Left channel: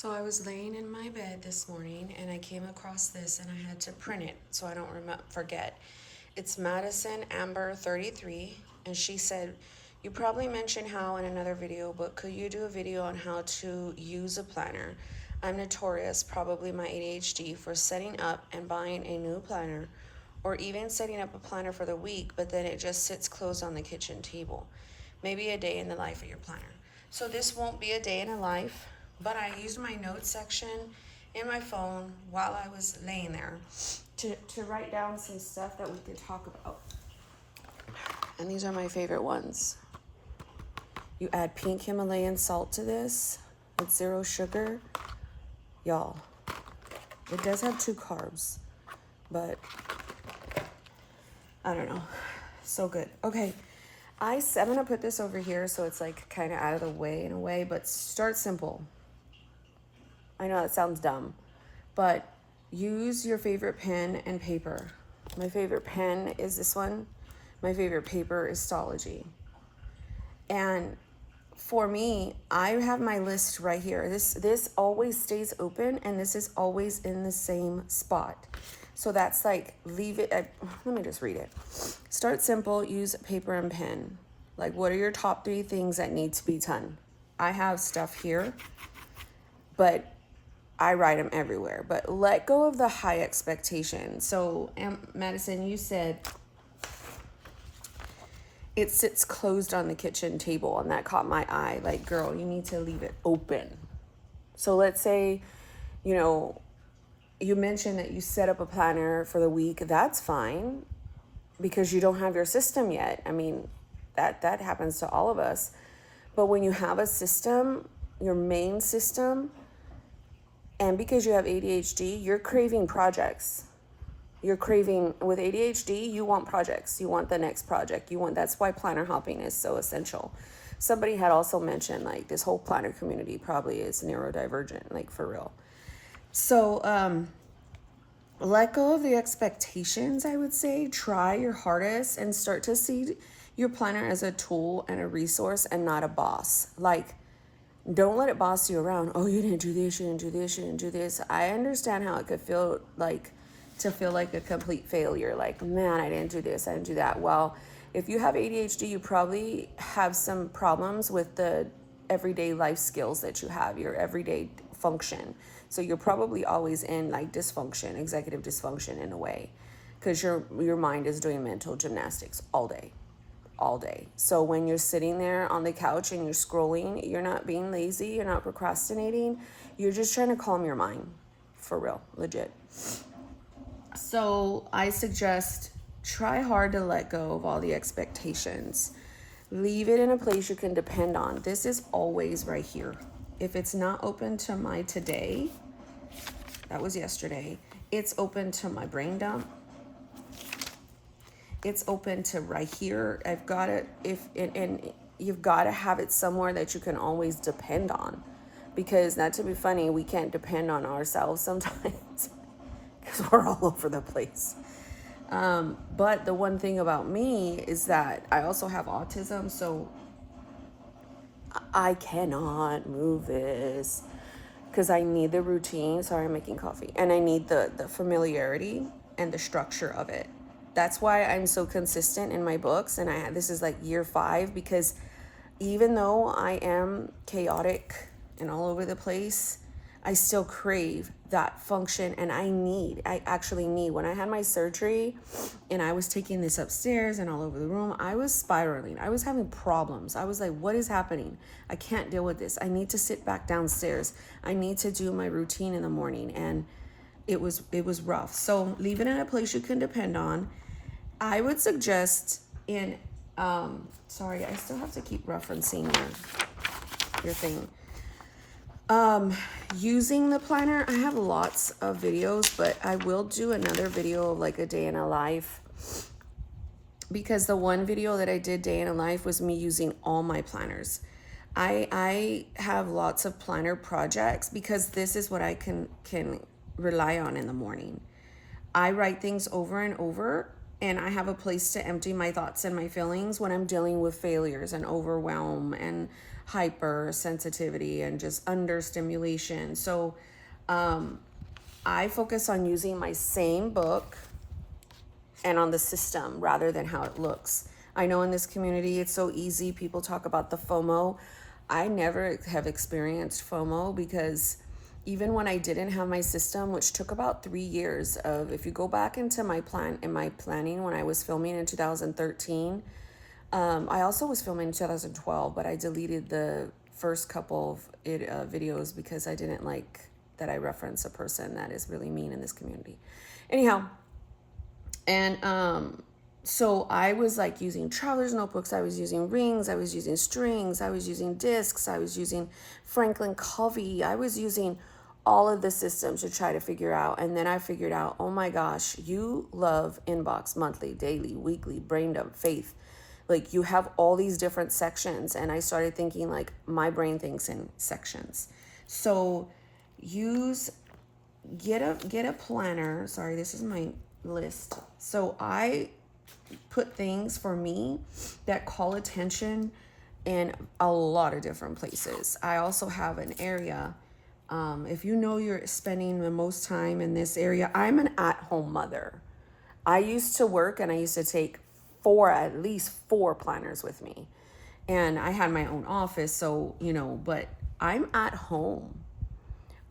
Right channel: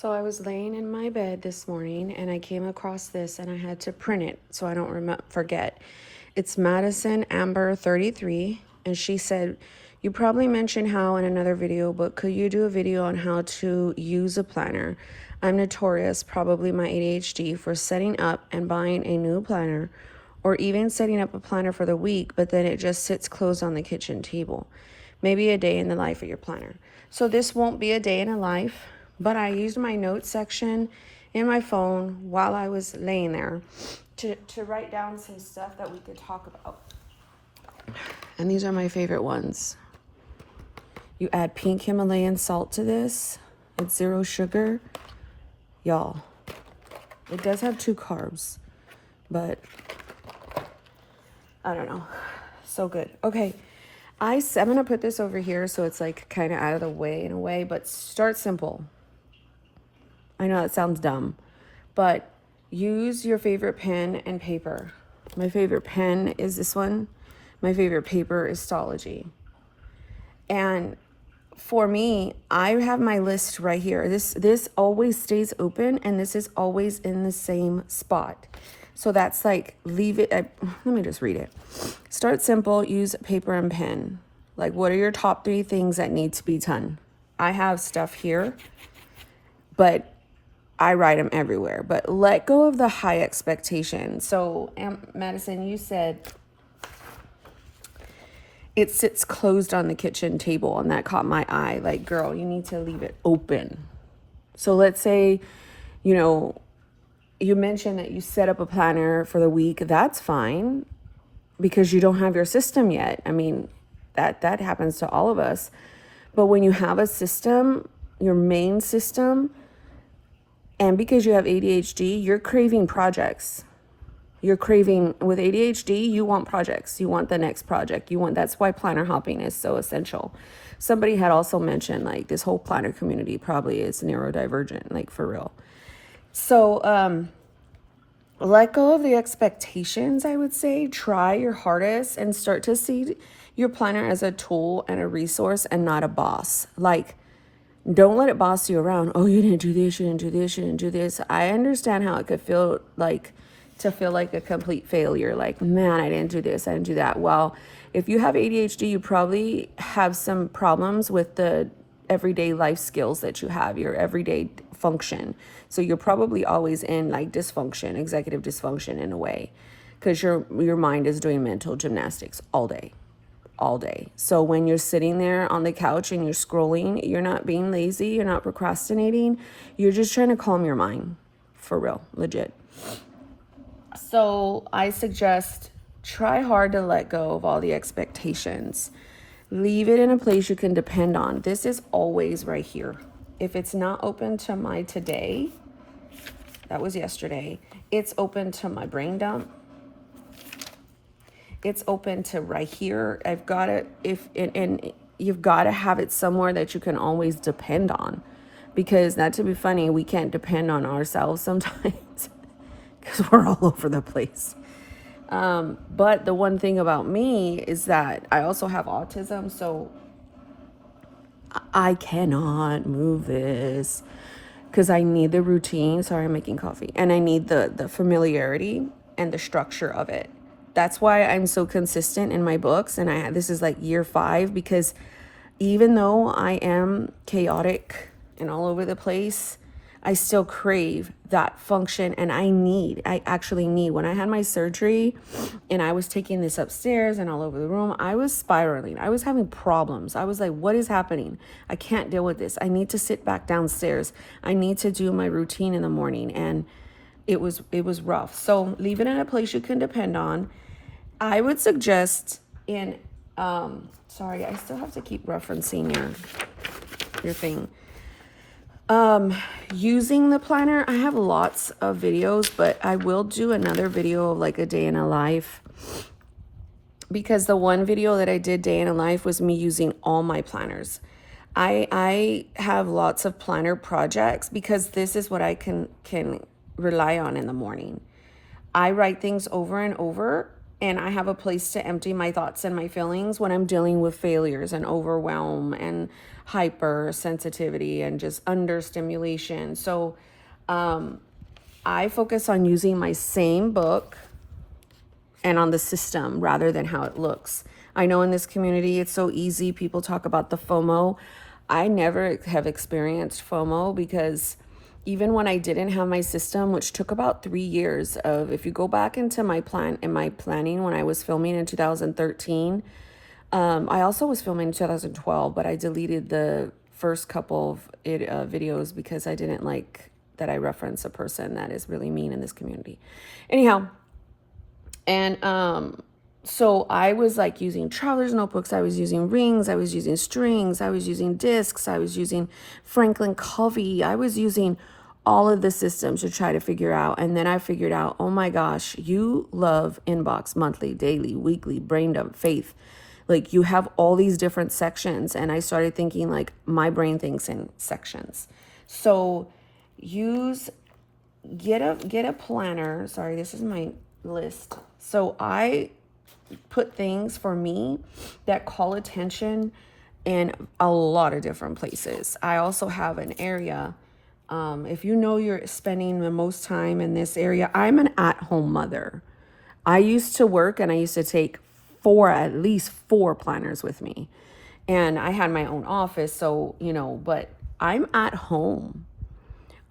So I was laying in my bed this morning and I came across this and I had to print it so I don't forget. It's Madison Amber 33 and she said, you probably mentioned how in another video, but could you do a video on how to use a planner? I'm notorious, probably my ADHD, for setting up and buying a new planner or even setting up a planner for the week, but then it just sits closed on the kitchen table. Maybe a day in the life of your planner. So this won't be a day in a life, but I used my notes section in my phone while I was laying there to write down some stuff that we could talk about. And these are my favorite ones. You add pink Himalayan salt to this. It's 0 sugar. Y'all, it does have 2 carbs, but I don't know. So good. Okay. I'm gonna put this over here so it's like kind of out of the way in a way, but start simple. I know it sounds dumb, but use your favorite pen and paper. My favorite pen is this one. My favorite paper is Stalogy. And for me, I have my list right here. This always stays open and this is always in the same spot. So that's like, leave it at, let me just read it. Start simple, use paper and pen. Like, what are your top 3 things that need to be done? I have stuff here, but I write them everywhere. But let go of the high expectation. So, Madison, you said it sits closed on the kitchen table, and that caught my eye. Like, girl, you need to leave it open. So let's say, you mentioned that you set up a planner for the week. That's fine because you don't have your system yet. I mean, that happens to all of us. But when you have a system, your main system, and because you have ADHD, you're craving projects. You're craving, with ADHD, you want projects. You want the next project. That's why planner hopping is so essential. Somebody had also mentioned like this whole planner community probably is neurodivergent, like for real. So let go of the expectations, I would say. Try your hardest and start to see your planner as a tool and a resource and not a boss. Like, don't let it boss you around. Oh, you didn't do this, you didn't do this, you didn't do this. I understand how it could feel like a complete failure. Like, man, I didn't do this, I didn't do that. Well, if you have ADHD, you probably have some problems with the everyday life skills that you have, your everyday function. So you're probably always in like dysfunction, executive dysfunction in a way, because your mind is doing mental gymnastics all day. So when you're sitting there on the couch and you're scrolling, you're not being lazy, you're not procrastinating, you're just trying to calm your mind, for real, legit. So I suggest try hard to let go of all the expectations. Leave it in a place you can depend on. This is always right here. If it's not open to my today, that was yesterday, it's open to my brain dump. It's open to right here. I've got it, and you've got to have it somewhere that you can always depend on, because not to be funny, we can't depend on ourselves sometimes because we're all over the place. But the one thing about me is that I also have autism, so I cannot move this because I need the routine. Sorry, I'm making coffee. And I need the familiarity and the structure of it. That's why I'm so consistent in my books. And this is like year 5, because even though I am chaotic and all over the place, I still crave that function. And I actually need, when I had my surgery and I was taking this upstairs and all over the room, I was spiraling. I was having problems. I was like, what is happening? I can't deal with this. I need to sit back downstairs. I need to do my routine in the morning. And it was rough. So leave it in a place you can depend on. I would suggest sorry, I still have to keep referencing your thing. Using the planner, I have lots of videos, but I will do another video of like a day in a life, because the one video that I did day in a life was me using all my planners. I have lots of planner projects because this is what I can rely on in the morning. I write things over and over and I have a place to empty my thoughts and my feelings when I'm dealing with failures and overwhelm and hypersensitivity and just understimulation. So I focus on using my same book and on the system rather than how it looks. I know in this community it's so easy. People talk about the FOMO. I never have experienced FOMO because even when I didn't have my system, which took about 3 years of, if you go back into my planning when I was filming in 2013, I also was filming in 2012, but I deleted the first couple of videos because I didn't like that I reference a person that is really mean in this community. Anyhow, and so I was like using traveler's notebooks, I was using rings, I was using strings, I was using discs, I was using Franklin Covey, I was using all of the systems to try to figure out. And then I figured out, oh my gosh, you love inbox, monthly, daily, weekly, brain dump, faith. Like you have all these different sections. And I started thinking like my brain thinks in sections. So get a planner. Sorry, this is my list. So I put things for me that call attention in a lot of different places. I also have an area. If you know you're spending the most time in this area, I'm an at-home mother. I used to work and I used to take at least four planners with me. And I had my own office, so, but I'm at home.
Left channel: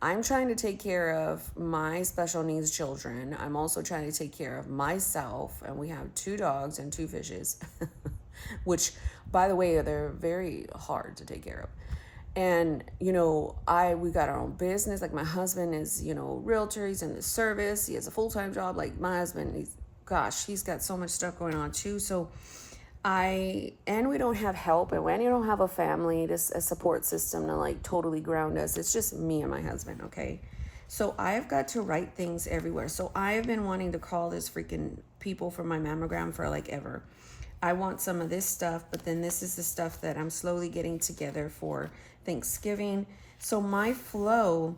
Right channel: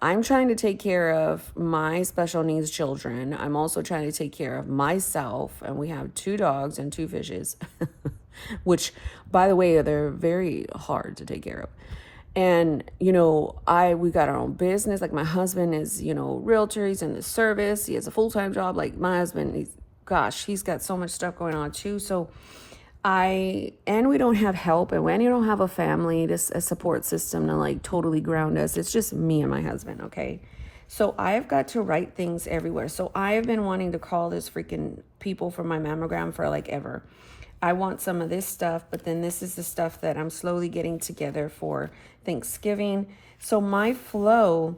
I'm trying to take care of my special needs children. I'm also trying to take care of myself. And we have 2 dogs and 2 fishes, which, by the way, they're very hard to take care of. And, we got our own business. Like my husband is, realtor. He's in the service. He has a full-time job. Like my husband, he's got so much stuff going on too. So and we don't have help. And when you don't have a family, a support system to like totally ground us, it's just me and my husband. Okay. So I've got to write things everywhere. So I've been wanting to call this freaking people for my mammogram for like ever. I want some of this stuff, but then this is the stuff that I'm slowly getting together for Thanksgiving. So my flow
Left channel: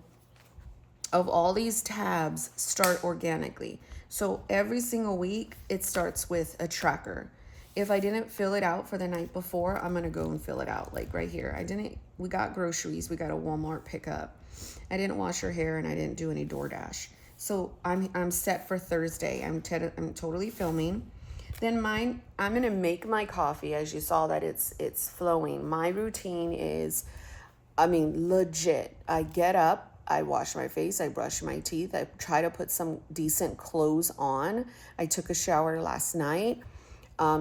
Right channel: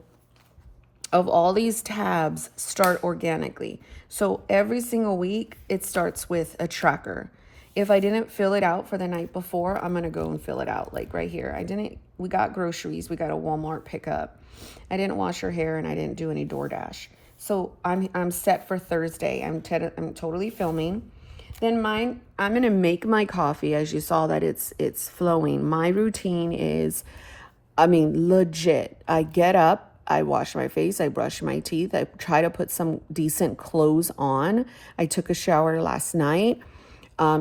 of all these tabs start organically. So every single week it starts with a tracker. If I didn't fill it out for the night before, I'm going to go and fill it out. Like right here. We got groceries. We got a Walmart pickup. I didn't wash her hair and I didn't do any DoorDash. So I'm set for Thursday. I'm totally filming. Then I'm going to make my coffee. As you saw that it's flowing. My routine is, legit. I get up, I wash my face, I brush my teeth, I try to put some decent clothes on. I took a shower last night.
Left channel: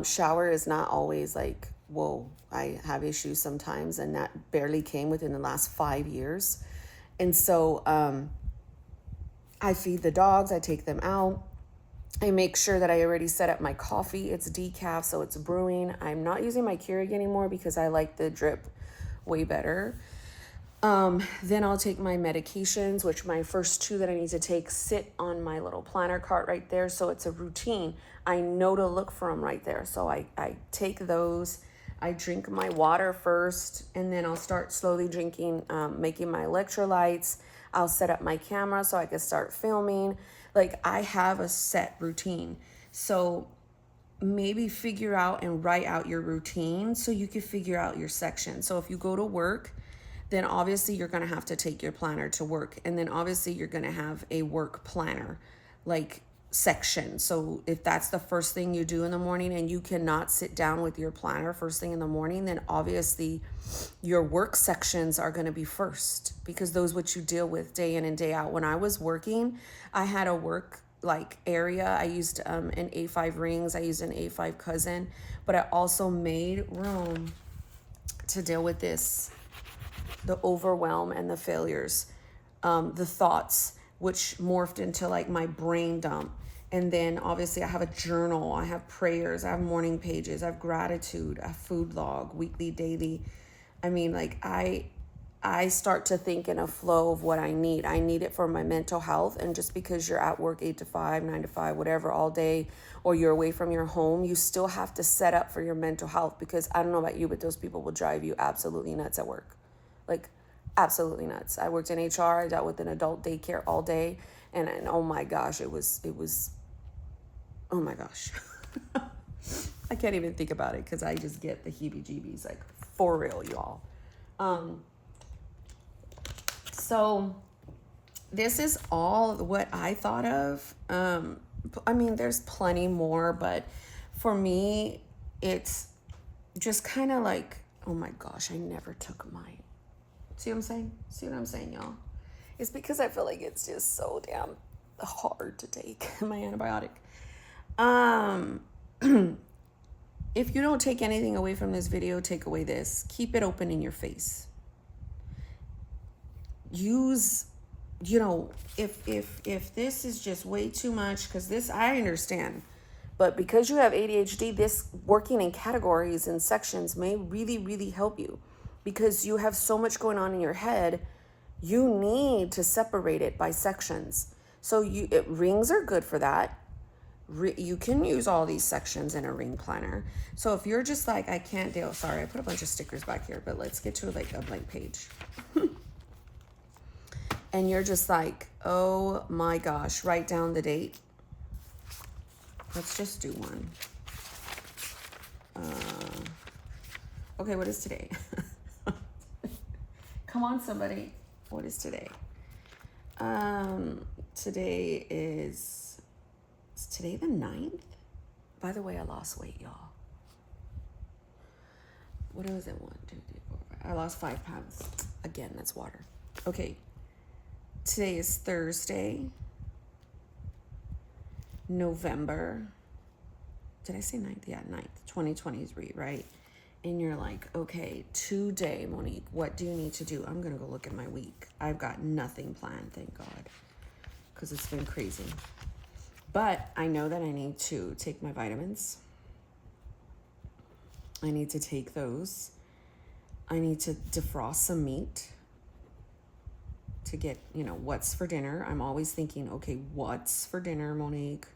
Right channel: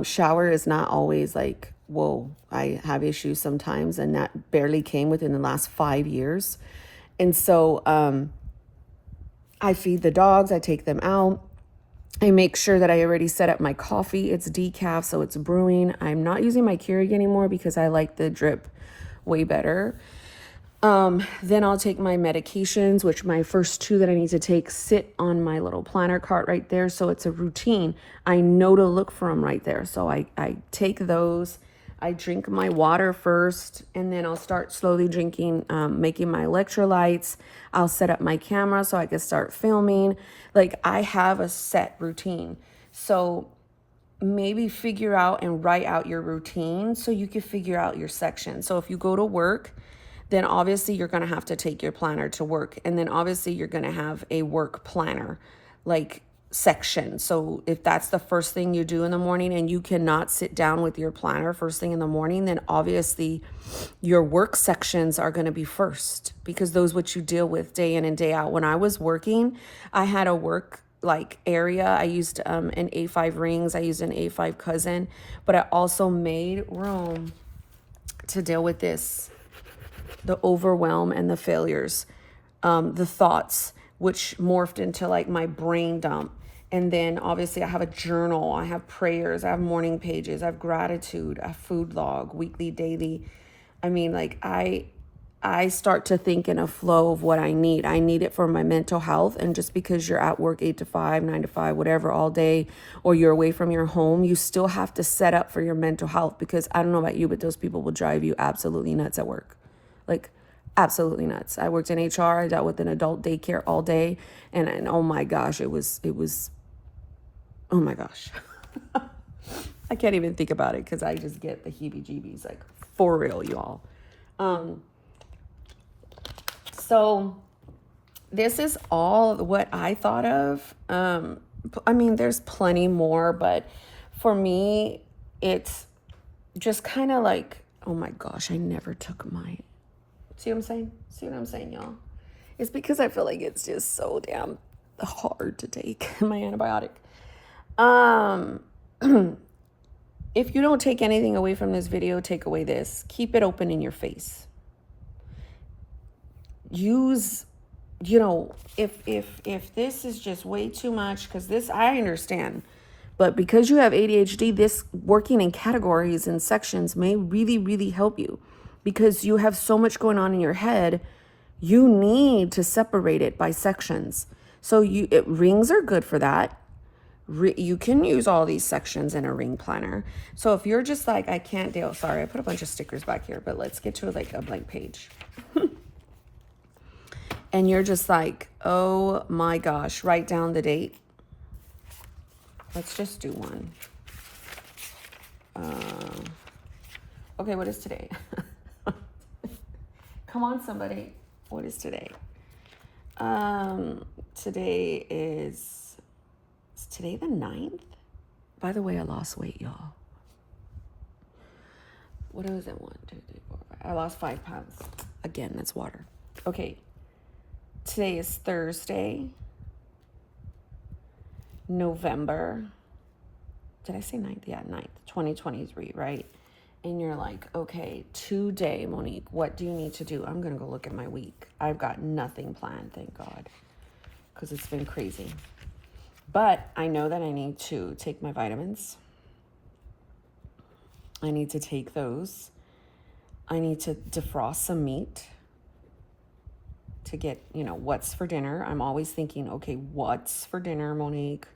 Shower is not always like, whoa, I have issues sometimes, and that barely came within the last 5 years. And so I feed the dogs, I take them out. I make sure that I already set up my coffee. It's decaf, so it's brewing. I'm not using my Keurig anymore because I like the drip way better. Then I'll take my medications, which my first 2 that I need to take sit on my little planner cart right there. So it's a routine. I know to look for them right there. So I take those. I drink my water first, and then I'll start slowly drinking, making my electrolytes. I'll set up my camera so I can start filming. Like I have a set routine. So maybe figure out and write out your routine so you can figure out your section. So if you go to work, then obviously you're going to have to take your planner to work. And then obviously you're going to have a work planner, like section. So if that's the first thing you do in the morning and you cannot sit down with your planner first thing in the morning, then obviously your work sections are going to be first, because those what you deal with day in and day out. When I was working, I had a work like area. I used an A5 rings. I used an A5 cousin, but I also made room to deal with this, the overwhelm and the failures, the thoughts, which morphed into like my brain dump. And then obviously I have a journal, I have prayers, I have morning pages, I have gratitude, I have food log, weekly, daily. I start to think in a flow of what I need. I need it for my mental health. And just because you're at work 8 to 5, 9 to 5, whatever, all day, or you're away from your home, you still have to set up for your mental health, because I don't know about you, but those people will drive you absolutely nuts at work. Like absolutely nuts. I worked in HR. I dealt with an adult daycare all day. And oh my gosh, it was, oh my gosh. I can't even think about it because I just get the heebie-jeebies, like, for real, y'all. So this is all what I thought of. I mean, there's plenty more, but for me, it's just kind of like, oh my gosh, I never took my, see what I'm saying? See what I'm saying, y'all? It's because I feel like it's just so damn hard to take my antibiotic. If you don't take anything away from this video, take away this. Keep it open in your face. Use, you know, if this is just way too much, because this, I understand, but because you have ADHD, this working in categories and sections may really, really help you, because you have so much going on in your head. You need to separate it by sections. So rings are good for that. You can use all these sections in a ring planner. So if you're just like, I can't deal, sorry, I put a bunch of stickers back here, but let's get to like a blank page. And you're just like, oh my gosh, write down the date. Let's just do one. Okay, what is today? Come on, somebody. What is today? Today is today the 9th? By the way, I lost weight, y'all. What was it? 1, 2, 3, 4, 5. I lost 5 pounds. Again, that's water. Okay. Today is Thursday, November. Did I say 9th? Yeah, 9th, 2023, right? And you're like, okay, today, Monique, what do you need to do? I'm going to go look at my week. I've got nothing planned, thank God, because it's been crazy. But I know that I need to take my vitamins. I need to take those. I need to defrost some meat to get, you know, what's for dinner. I'm always thinking, okay, what's for dinner, Monique?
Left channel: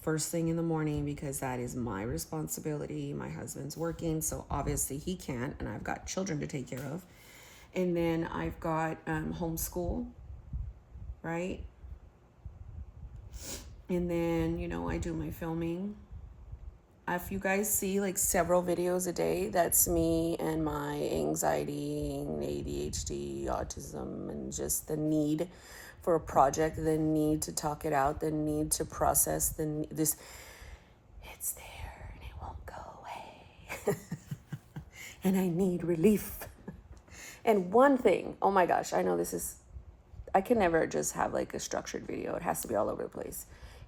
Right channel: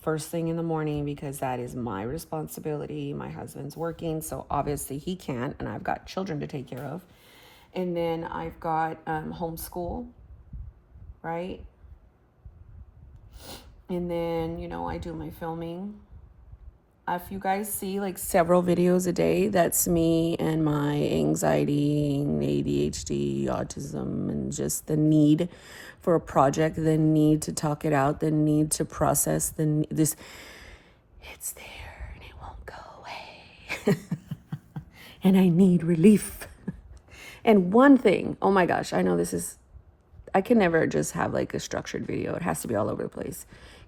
First thing in the morning, because that is my responsibility. My husband's working, so obviously he can't, and I've got children to take care of. And then I've got homeschool, right? And then, you know, I do my filming. If you guys see like several videos a day, that's me and my anxiety, ADHD, autism, and just the need for a project, the need to talk it out, the need to process this. It's there and it won't go away. And I need relief. And one thing, oh my gosh, I know this is, I can never just have like a structured video. It has to be all over the place.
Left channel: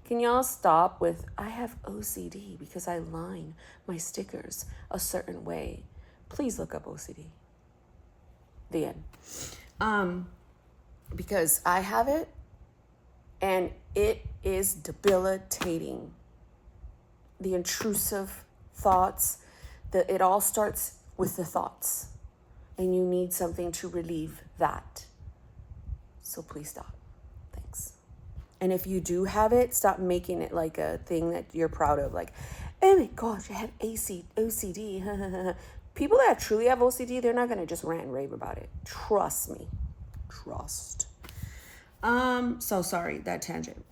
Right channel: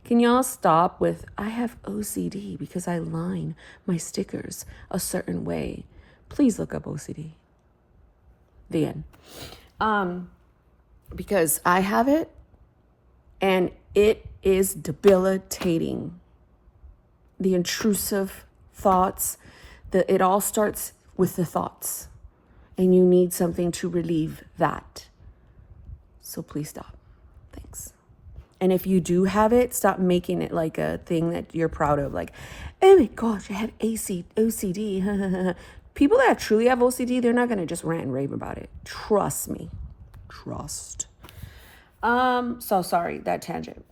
Can y'all stop with, I have OCD because I line my stickers a certain way. Please look up OCD. The end. Because I have it and it is debilitating. The intrusive thoughts, it all starts with the thoughts, and you need something to relieve that. So please stop. Thanks. And if you do have it, stop making it like a thing that you're proud of. Like, oh my gosh, I have OCD. People that truly have OCD, they're not going to just rant and rave about it. Trust me. Trust. So sorry, that tangent.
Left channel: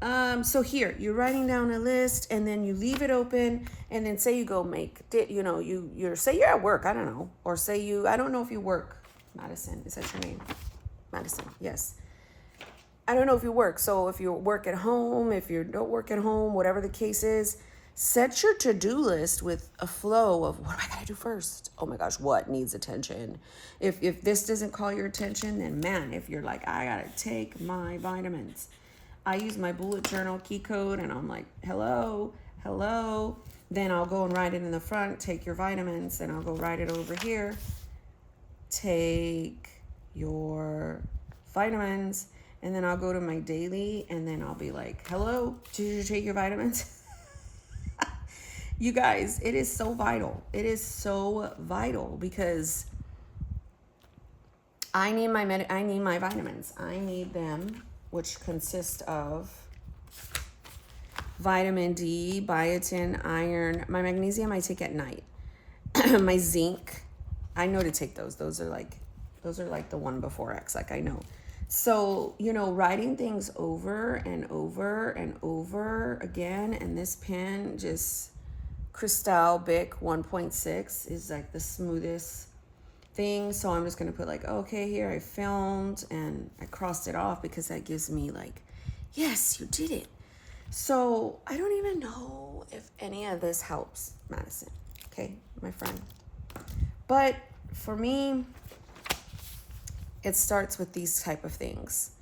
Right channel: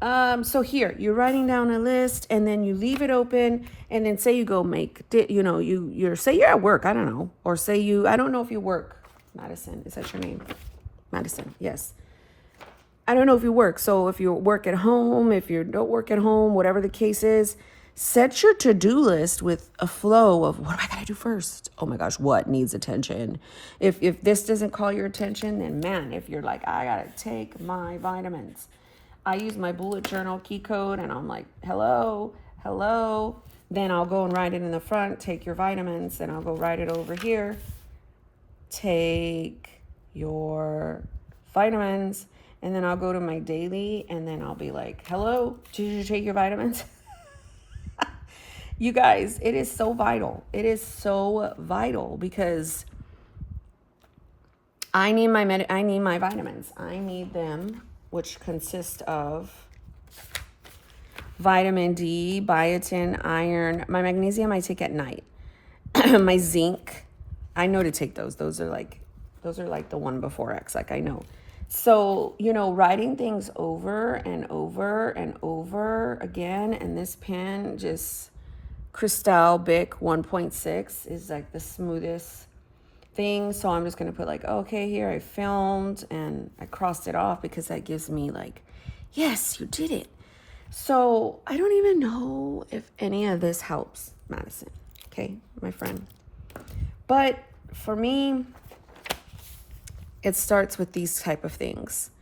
So here, you're writing down a list and then you leave it open, and then say you go make, you know, you're say you're at work, I don't know. Or say I don't know if you work. Madison, is that your name? Madison, yes. I don't know if you work. So if you work at home, if you don't work at home, whatever the case is, set your to-do list with a flow of what am I going to do first? Oh my gosh, what needs attention? If this doesn't call your attention, then man, if you're like, I got to take my vitamins. I use my bullet journal key code and I'm like, hello. Then I'll go and write it in the front, take your vitamins, and I'll go write it over here. Take your vitamins. And then I'll go to my daily and then I'll be like, hello, did you take your vitamins? You guys, it is so vital. It is so vital because I need my vitamins. I need them, which consist of vitamin D, biotin, iron. My magnesium I take at night. My zinc, I know to take those. Those are like the one before X. Like I know. So, writing things over and over and over again, and this pen just Cristal Bic 1.6 is like the smoothest thing. So I'm just gonna put like, okay, here I filmed and I crossed it off because that gives me like, yes, you did it. So I don't even know if any of this helps, Madison. Okay, my friend. But for me, it starts with these type of things.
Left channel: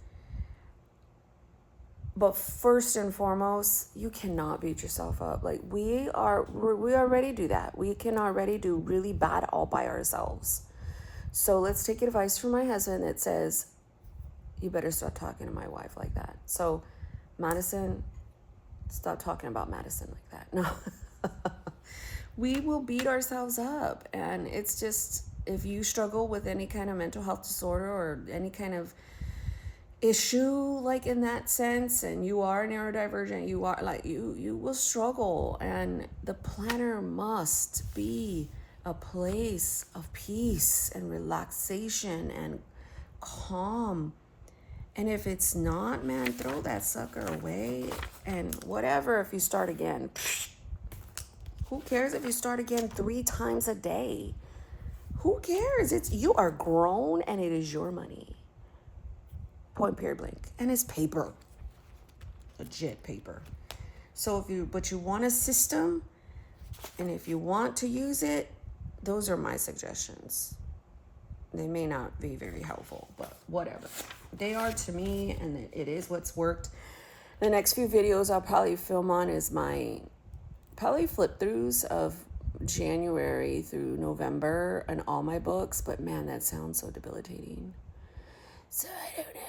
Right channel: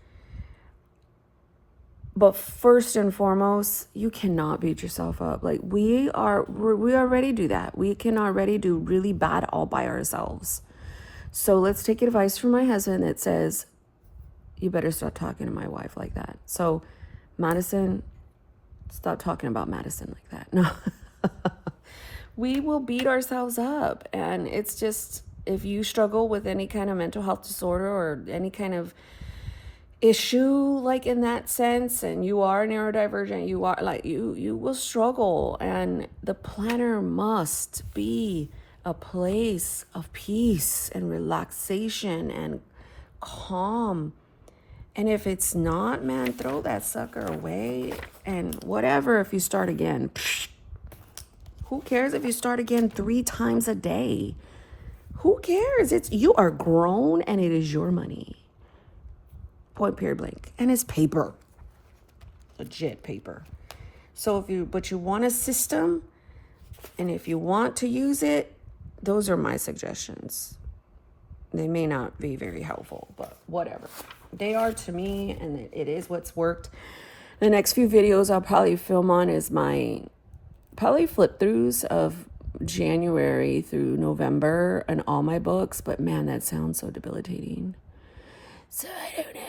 But first and foremost, you cannot beat yourself up. Like we already do that. We can already do really bad all by ourselves. So let's take advice from my husband that says, you better stop talking to my wife like that. So Madison, stop talking about Madison like that. No. We will beat ourselves up. And it's just, if you struggle with any kind of mental health disorder or any kind of issue like in that sense, and you are neurodivergent, you are like you will struggle. And the planner must be a place of peace and relaxation and calm. And if it's not, man, throw that sucker away. And whatever, if you start again, who cares if you start again 3 times a day? Who cares? You are grown and it is your money. Point, period, blank. And it's paper. Legit paper. So but you want a system, and if you want to use it, those are my suggestions. They may not be very helpful, but whatever. They are to me, and it is what's worked. The next few videos I'll probably film on is my probably flip throughs of January through November and all my books. But man, that sounds so debilitating. So I don't know.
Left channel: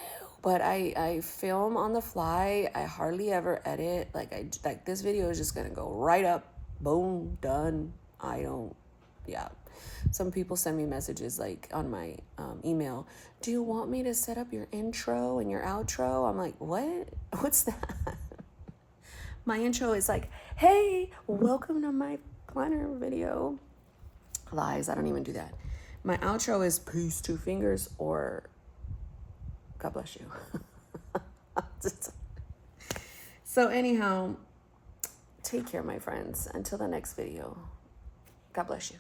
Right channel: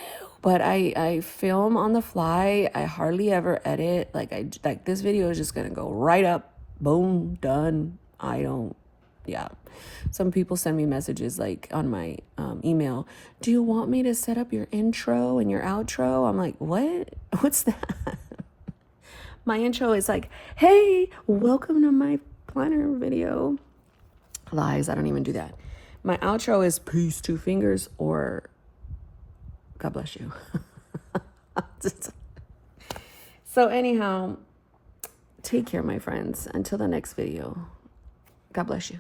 But I film on the fly. I hardly ever edit. Like this video is just gonna go right up, boom, done. Yeah. Some people send me messages like on my email, do you want me to set up your intro and your outro? I'm like, what? What's that? My intro is like, hey, welcome to my planner video. Lies, I don't even do that. My outro is peace, 2 fingers, or God bless you. So anyhow, take care, my friends. Until the next video. God bless you.